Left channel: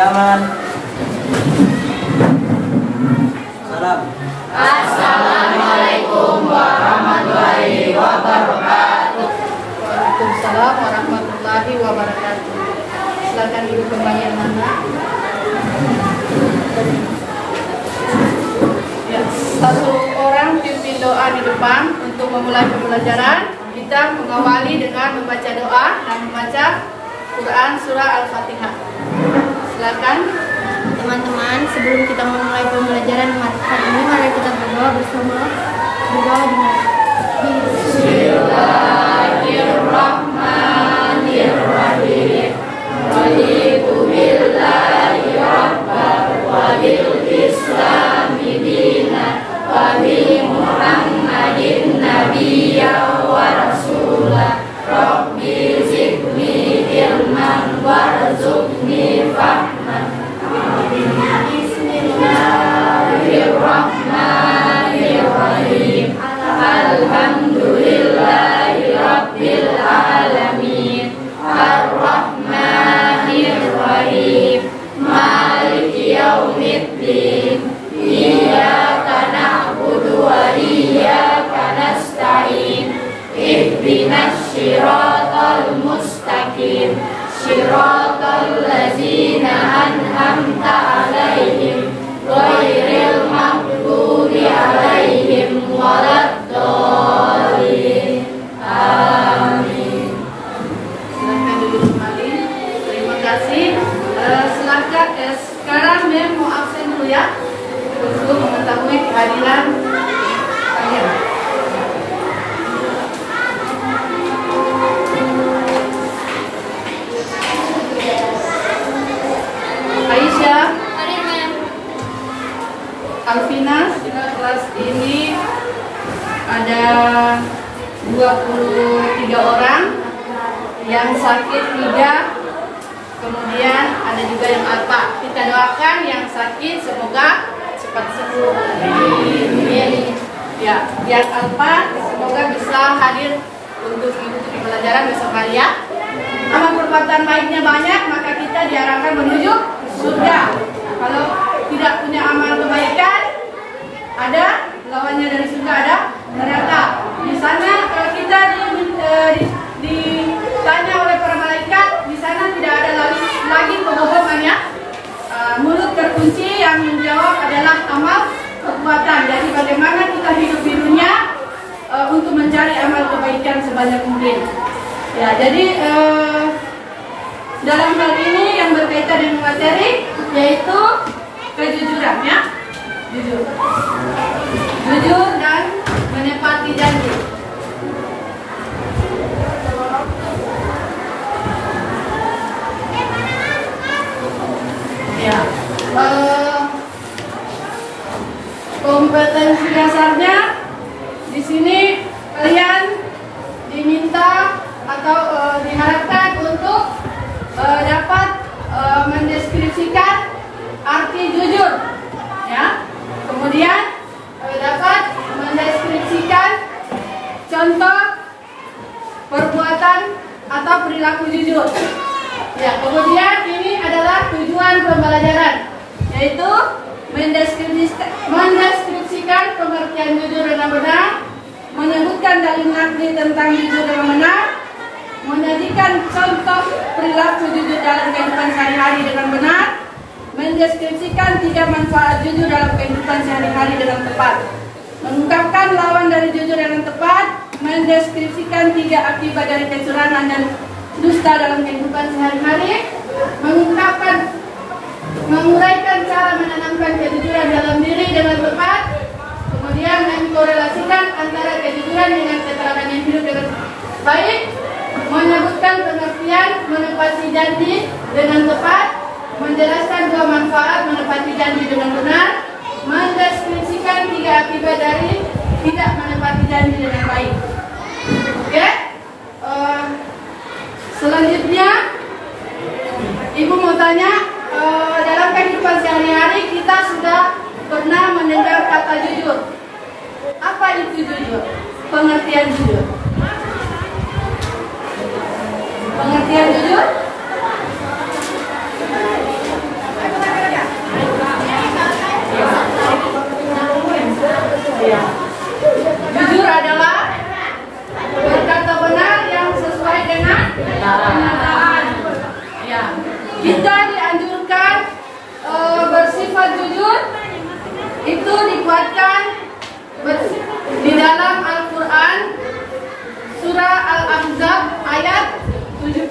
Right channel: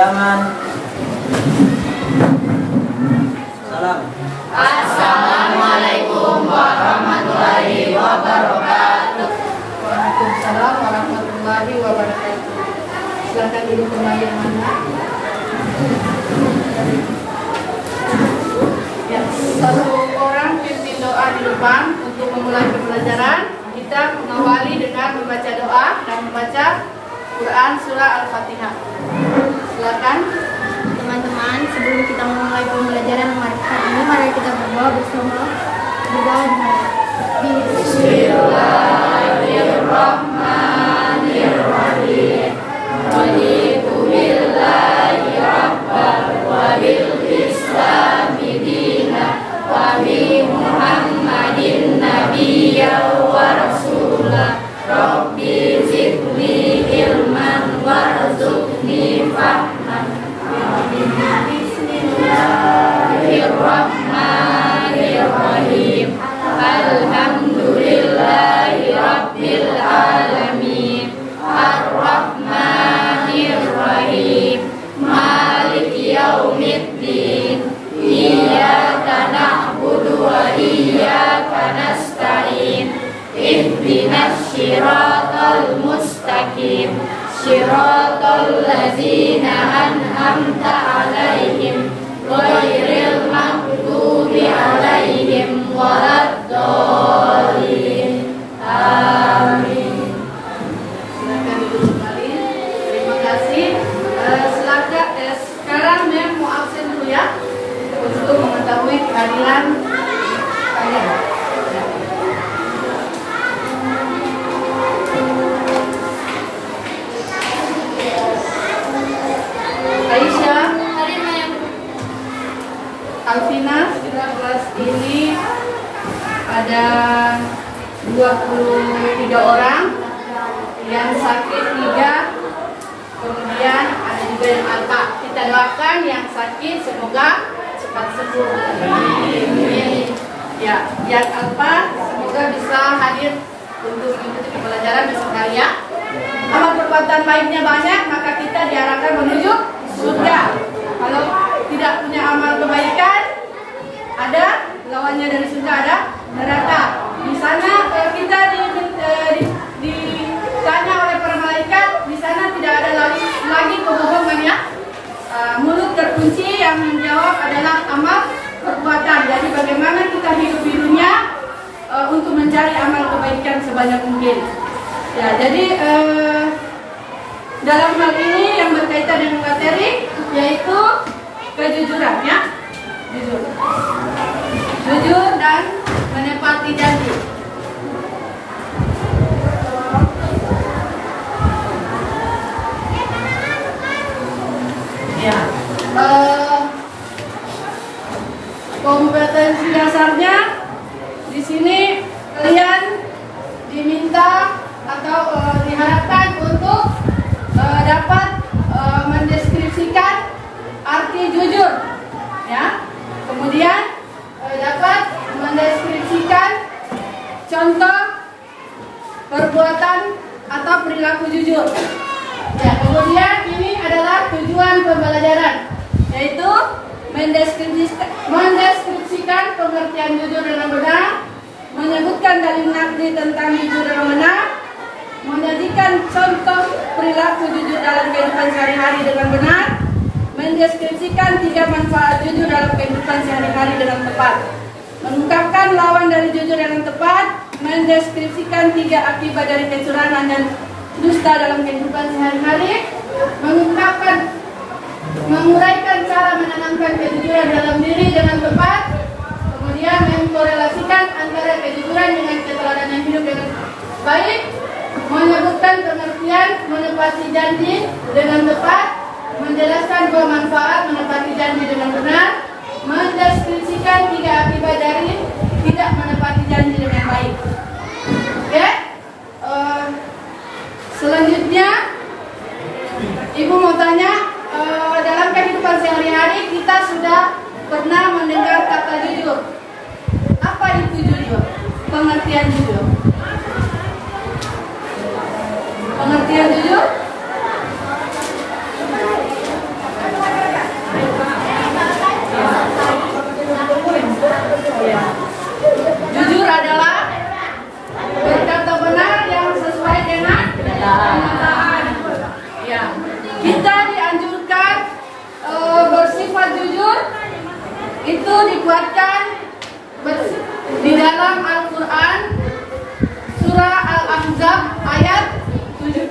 Jangan. Salam. Assalamualaikum warahmatullahi wabarakatuh. Waalaikumsalam warahmatullahi wabarakatuh. Silakan duduk kembali anak-anak. Ya, satu orang pimpin doa di depan untuk memulai pembelajaran. Kita mengawali dengan membaca doa dan membaca Quran surah Al-Fatihah. Silakan. Teman-teman, sebelum kita memulai pembelajaran hari ini, mari kita berdoa bersama. Berdoa dimulai. Bismillahirrahmanirrahim. Raditu billahi rabban wa bil islami dinan wa bi Muhammadin nabiyyan wa rasulah. Rabbi zidni ilman warzuqni fahman. Bismillahirrahmanirrahim. Alhamdulillahi rabbil alamin. Ar-Rahmanir-Rahim. Maliki yaumiddin. Iyyaka na'budu wa iyyaka nasta'in. Ihdinas siratal mustaqim. Siratal ladzina an'amta 'alaihim ghairil maghdubi 'alaihim waladdallin. Amin. Silakan duduk kembali. Terima kasih. Sekarang Mem mau absen dulu ya untuk mengetahui kehadiran kalian. Aisyah, Alvina, kelas ini ada 23 orang, yang sakit 3, kemudian ada juga yang alta. Kita doakan yang sakit semoga cepat sembuh. Amin. Ya, yang alfa semoga bisa hadir untuk mengikuti pembelajaran besok hari ya. Amal perbuatan baiknya banyak, maka kita diarahkan menuju surga. Kalau tidak punya amal kebaikan, ada lawannya dari surga, ada neraka. Di sana kita ditanya oleh para malaikat, di sana tidak ada lagi kebohongan ya. Mulut terkunci, yang menjawab adalah amal perbuatan. Jadi bagaimana kita hidup di dunia untuk mencari amal kebaikan sebanyak mungkin. Ya, jadi dalam hal ini yang berkaitan dengan materi yaitu kejujuran ya, jujur dan menepati janji. Ya, kompetensi dasarnya di sini kalian diminta atau diharapkan untuk dapat mendeskripsikan arti jujur, ya. Kemudian dapat mendeskripsikan contoh perbuatan atau perilaku jujur. Ya, kemudian ini adalah tujuan pembelajaran, yaitu mendeskripsikan pengertian jujur dengan benar, menyebutkan dalil nakli tentang jujur dengan benar, menyajikan contoh perilaku jujur dalam kehidupan sehari-hari dengan benar, mendeskripsikan 3 manfaat jujur dalam kehidupan sehari-hari dengan tepat, mengungkapkan lawan dari jujur yang tepat, mendeskripsikan 3 akibat dari kecurangan dan dusta dalam kehidupan sehari-hari, menguraikan cara menanamkan kejujuran dalam diri dengan tepat, kemudian mengkorelasikan antara kejujuran dengan keteladanan hidup dengan baik, menyebutkan pengertian menepati janji dengan tepat, menjelaskan 2 manfaat menepati janji dengan benar, mendeskripsikan 3 akibat dari tidak menepati janji dengan baik. Oke? Selanjutnya Ibu mau tanya, dalam kehidupan sehari-hari kita sudah pernah mendengar kata jujur? Apa itu jujur? Pengertian jujur. Pengertian jujur? Ya. Jujur adalah berkata benar yang sesuai dengan kenyataan. Ya. Kita dianjurkan bersifat jujur itu dikuatkan di dalam Al-Quran surah Al-Ahzab ayat 70.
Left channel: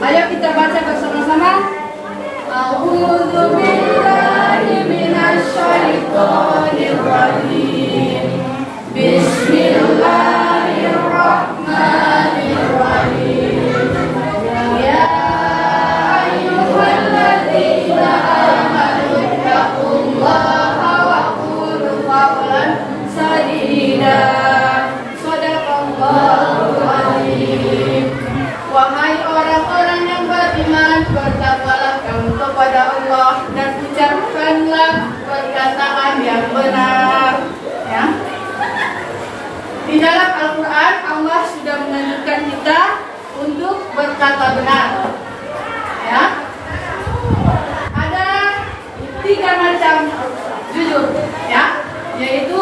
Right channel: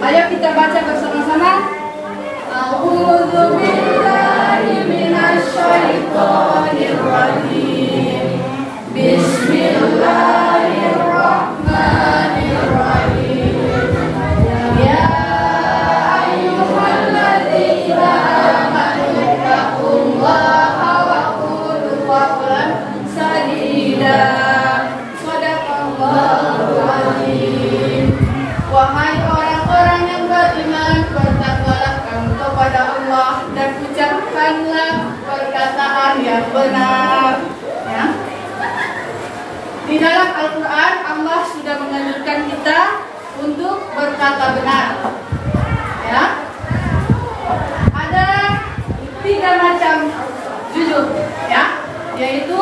Ayo kita baca bersama-sama. A'udzu billahi minasy syaithanir rajim. Bismillahirrahmanirrahim. Ya ayyuhalladzina amanu taqullaha wa qulu qawlan sadida. Shadaqallahul azim. Wahai orang-orang yang beriman, bertakwalah kamu kepada Allah dan ucapkanlah perkataan yang benar. Ya. Di dalam Al-Quran Allah sudah menganjurkan kita untuk berkata benar. Ya. Ada 3 macam jujur, ya, yaitu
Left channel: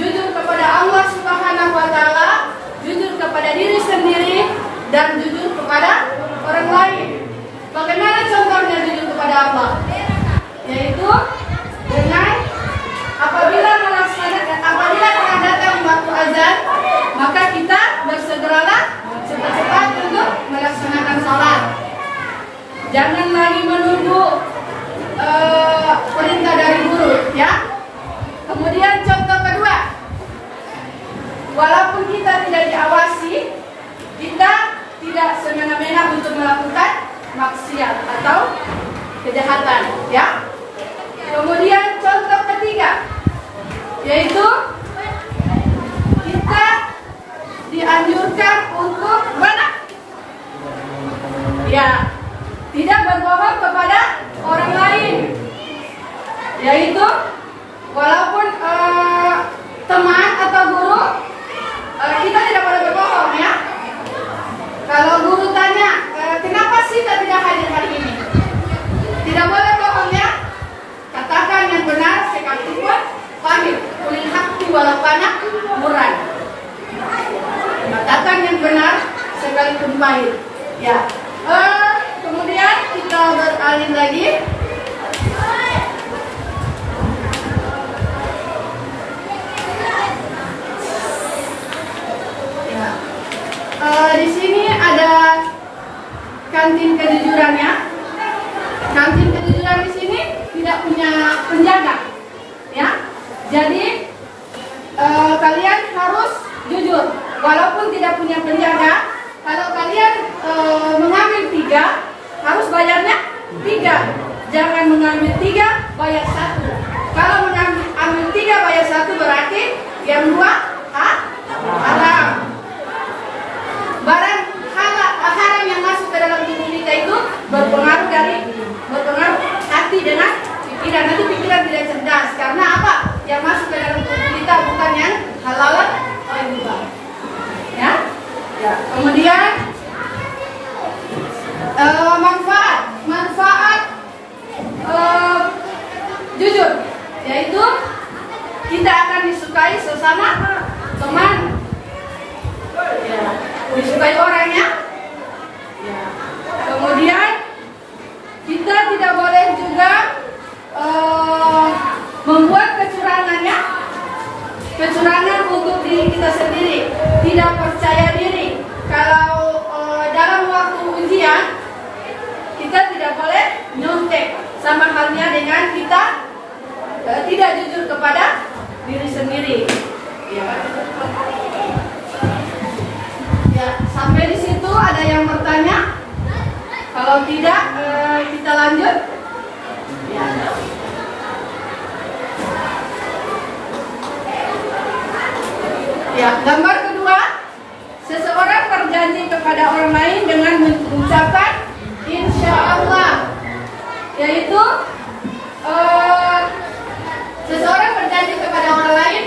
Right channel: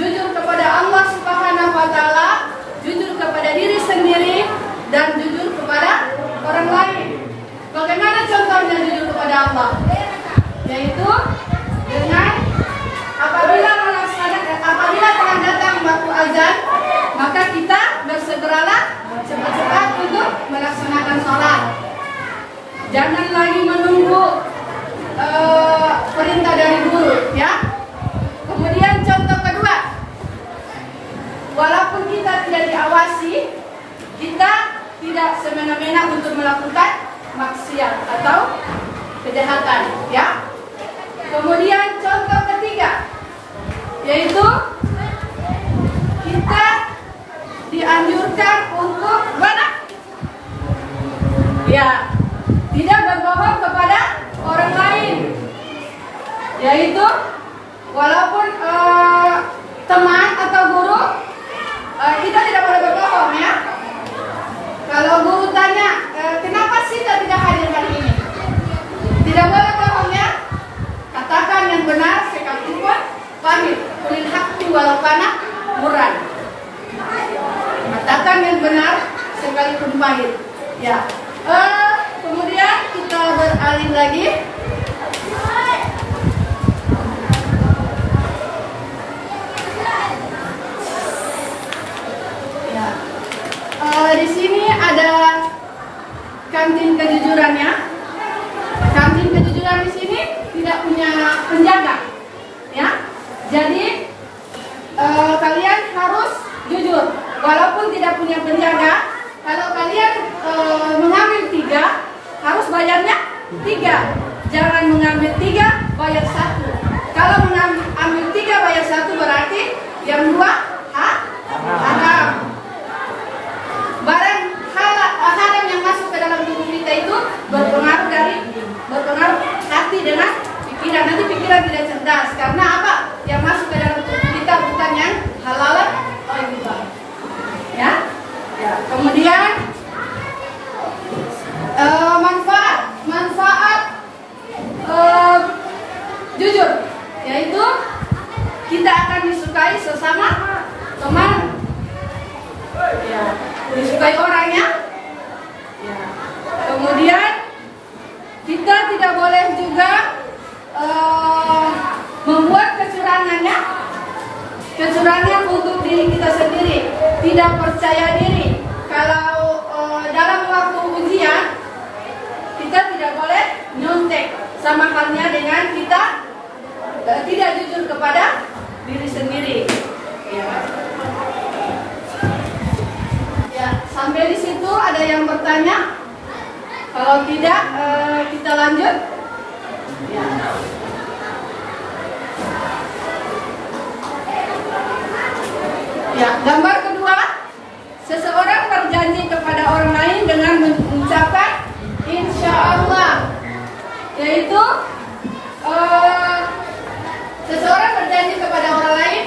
jujur kepada Allah Subhanahu wa taala, jujur kepada diri sendiri, dan jujur kepada orang lain. Bagaimana contohnya jujur kepada Allah? Yaitu dengan apabila telah datang waktu azan, maka kita bersegeralah cepat-cepat untuk melaksanakan sholat. Jangan lagi menunggu perintah dari guru, ya. Kemudian contoh kedua, walaupun kita tidak diawasi, kita tidak semena-mena untuk melakukan maksiat atau kejahatan, ya. Kemudian contoh ketiga, yaitu kita dianjurkan untuk ya, tidak berbohong kepada orang lain, yaitu walaupun teman atau guru, kita tidak boleh berbohong, ya. Kalau guru tanya, kenapa Sita tidak hadir hari ini? Tidak boleh bohong, ya. Katakan yang benar sekalipun pahit. Kulil haqqi walau kana murran. Katakan yang benar sekalipun pahit. Ya. Kemudian kita beralih lagi. Ya. Di sini ada kantin kejujurannya. Kantin kejujuran di sini tidak punya penjaga, ya. Jadi kalian harus jujur, walaupun tidak punya penjaga. Kalau kalian mengambil 3, harus bayarnya 3. Jangan mengambil 3, bayar 1. Kalau mengambil 3, bayar 1 berarti yang 2 haram. Barang haram yang masuk ke dalam tubuh kita itu berpengaruh hati dengan pikiran. Nanti pikiran tidak cerdas. Karena apa? Yang masuk ke dalam tubuh kita bukan yang halal atau yang riba. Ya. Ya. Kemudian manfaat jujur, yaitu kita akan disukai sesama teman. Ya. Disukai orangnya. Ya. Kemudian kita tidak boleh juga membuat kecurangan untuk diri kita sendiri, tidak percaya diri. Kalau dalam waktu ujian kita tidak boleh nyontek, sama halnya dengan kita tidak jujur kepada diri sendiri. Ya. Ya, sampai di situ ada yang bertanya? Kalau tidak, kita lanjut. Ya. Ya, gambar kedua, seseorang berjanji kepada orang lain dengan mengucapkan insya Allah, yaitu berjanji kepada orang lain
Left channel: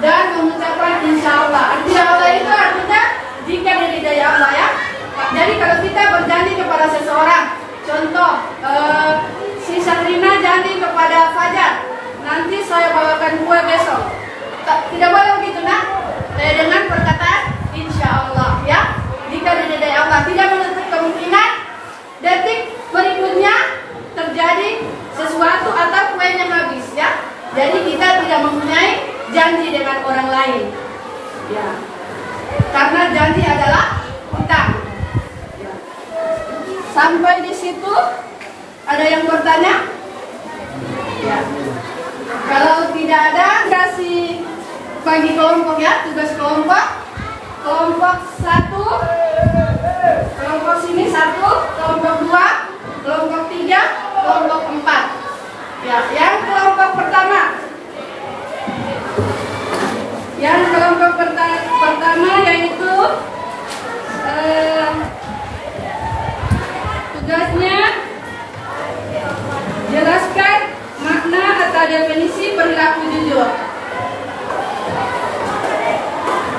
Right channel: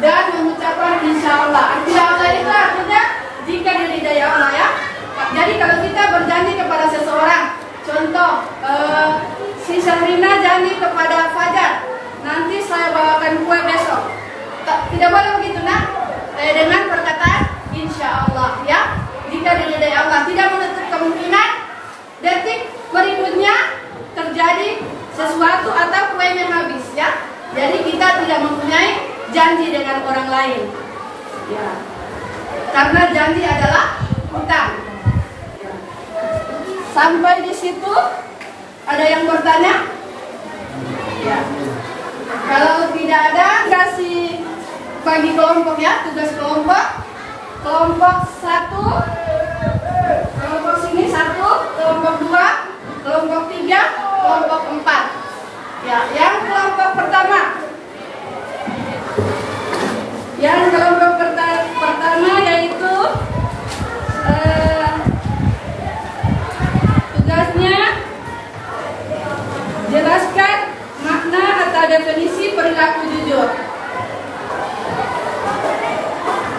dan mengucapkan insya Allah. Insya Allah itu artinya jika diridai Allah ya. Jadi kalau kita berjanji kepada seseorang, contoh si Syahrina janji kepada Fajar, nanti saya bawakan kue besok. Tidak boleh begitu nak? Dengan perkataan insya Allah ya. Jika diridai Allah, tidak menutup kemungkinan detik berikutnya terjadi sesuatu atau kuenya habis ya. Jadi kita tidak mempunyai janji dengan orang lain ya. Karena janji adalah hutang. Sampai di situ ada yang bertanya? Ya. Kalau tidak ada, kasih bagi kelompok ya, tugas kelompok. Kelompok 1, kelompok sini 1, kelompok 2, kelompok 3, kelompok 4. Ya, yang kelompok pertama. Yang kelompok pertama yaitu tugasnya jelaskan makna atau definisi perilaku jujur.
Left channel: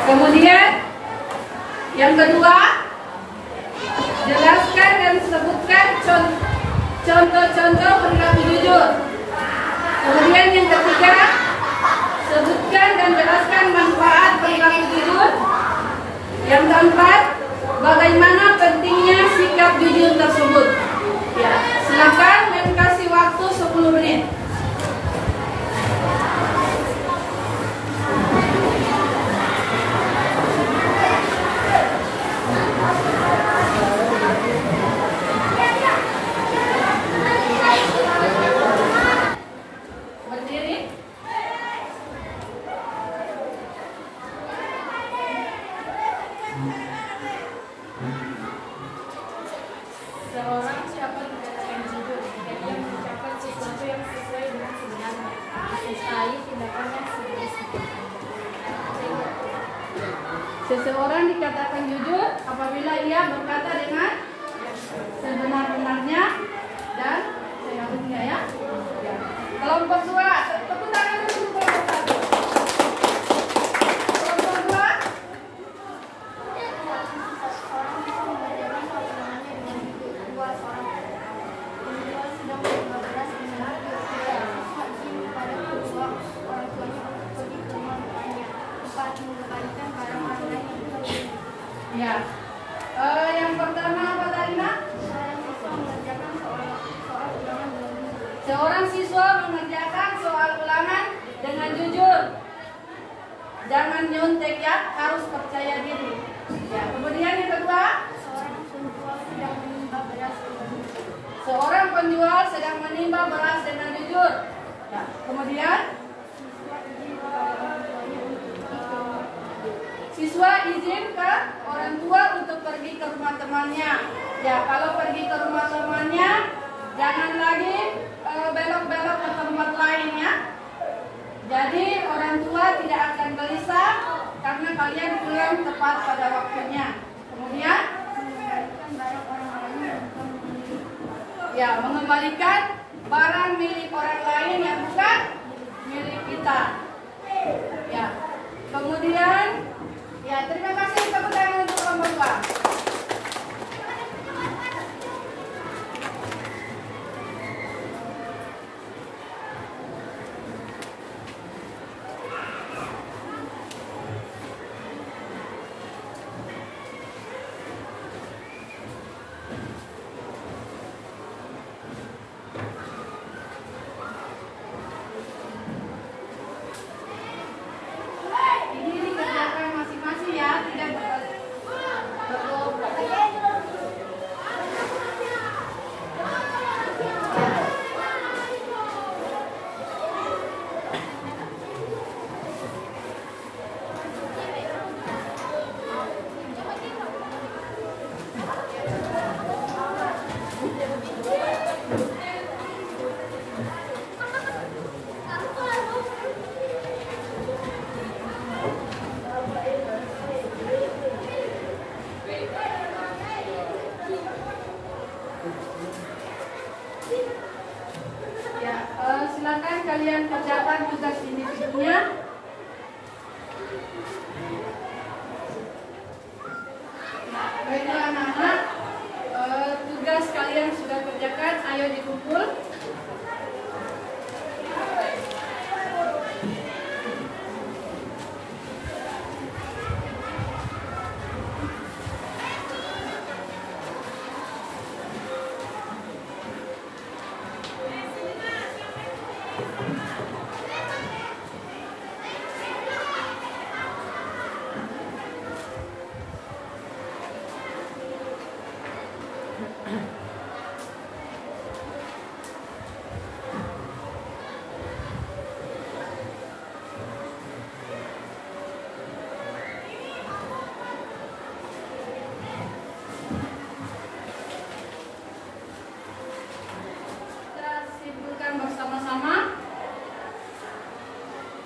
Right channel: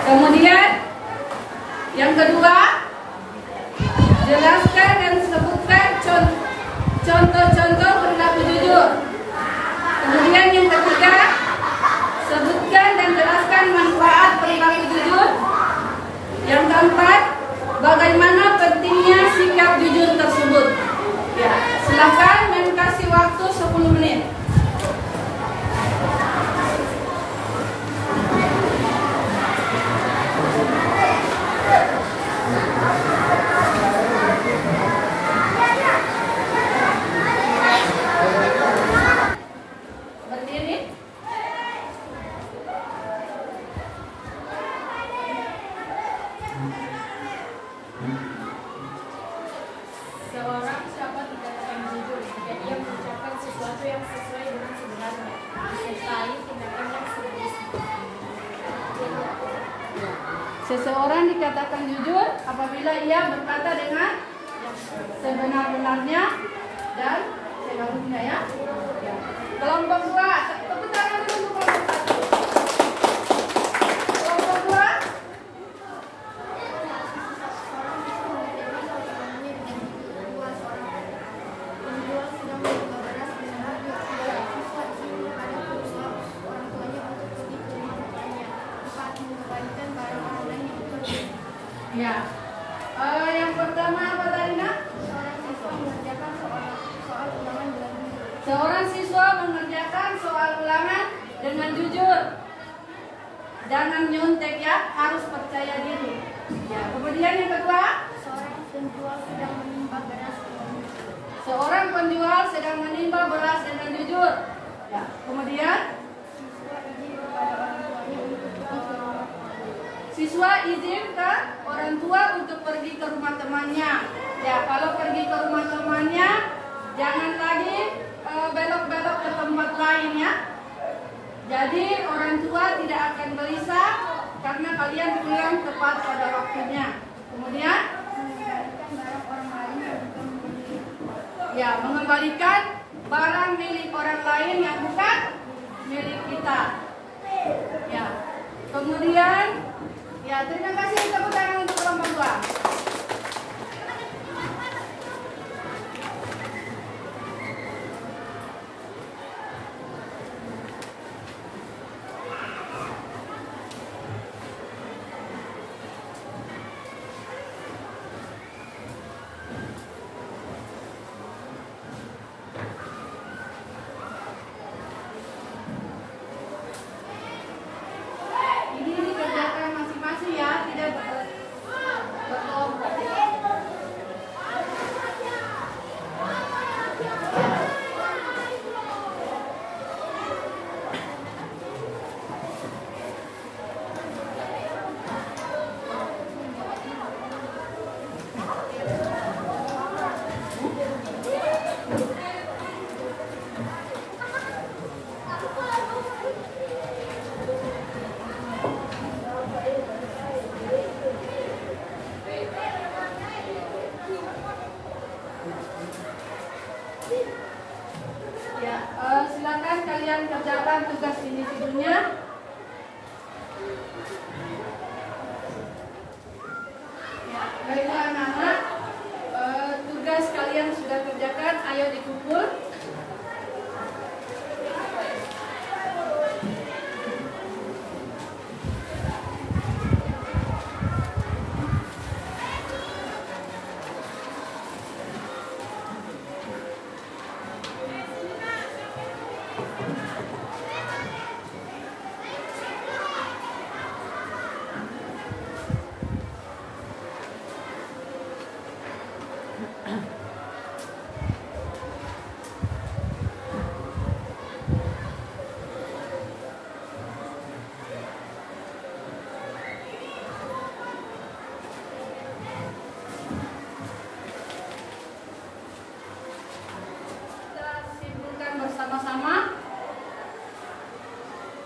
Kemudian yang kedua, jelaskan dan sebutkan contoh-contoh perilaku jujur. Kemudian yang ketiga, sebutkan dan jelaskan manfaat perilaku jujur. Yang keempat, bagaimana pentingnya sikap jujur tersebut. Ya, silakan kasih waktu 10 menit. Berdiri. Seorang siapa dikatakan jujur jika ia mengucapkan sesuatu yang sesuai dengan sebenarnya, disertai tindakan yang sebenarnya. Seseorang dikatakan jujur apabila ia berkata dengan sebenar-benarnya dan seharusnya ya. Kelompok 2, tepuk tangan dulu untuk kelompok 1. Kelompok 2. Seorang bisa mengerjakan pertemuannya dengan kedua seorang penjual sedang menjual beras dengan tidak siswa izin kepada kedua orang tuanya untuk pergi ke rumah temannya. 4. Mengembalikan barang orang lain yang pergi. Ya. Yang pertama apa tadi nak? Seorang siswa mengerjakan soal ulangan dengan jujur. Seorang siswa mengerjakan soal ulangan dengan jujur. Jangan nyontek ya, harus percaya diri. Ya, kemudian yang kedua, Seorang penjual sedang menimba beras dengan jujur. seorang penjual sedang menimba beras dengan jujur. Ya, kemudian Siswa izin ke orang tua untuk pergi ke rumah temannya. Ya, kalau pergi ke rumah temannya, jangan lagi belok-belok ke tempat lainnya. Jadi orang tua tidak akan gelisah karena kalian pulang tepat pada waktunya. Kemudian, Mengembalikan barang orang lain yang bukan milik. ya mengembalikan barang milik orang lain yang bukan milik kita. Ya, kemudian, ya terima kasih tepuk tangan untuk kelompok 2. Ini dikerjakan masing-masing ya, tidak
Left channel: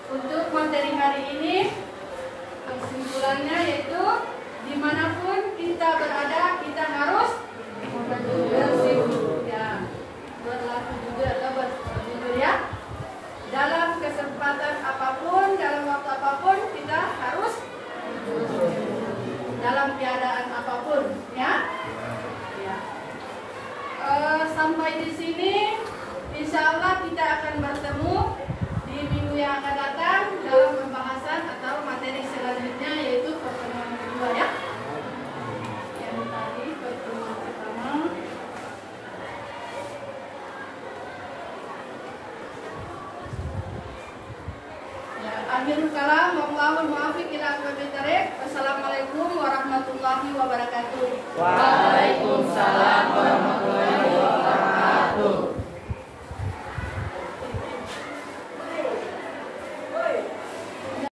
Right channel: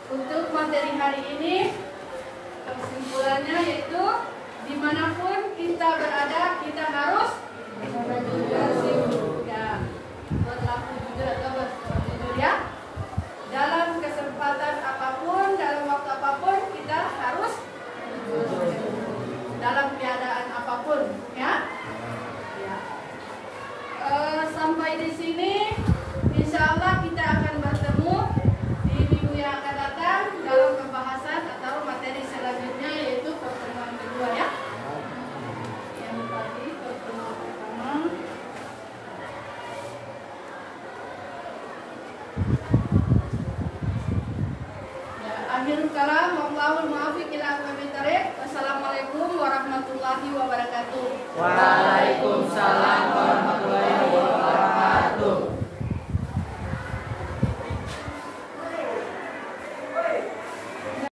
Untuk materi hari ini, kesimpulannya yaitu dimanapun kita berada, kita harus bersyukur ya. Berlaku juga atau bersyukur ya. Dalam kesempatan apapun, dalam waktu apapun, kita harus dalam keadaan apapun ya. Sampai di sini, insya Allah kita akan bertemu di minggu yang akan datang dalam pembahasan atau materi selanjutnya, yaitu pertemuan kedua ya. Yang tadi pertemuan pertama. Ya, akhirul kalam, wallahul muwaffiq ila aqwamit thariq. Wassalamualaikum warahmatullahi wabarakatuh. Waalaikumsalam warahmatullahi wabarakatuh.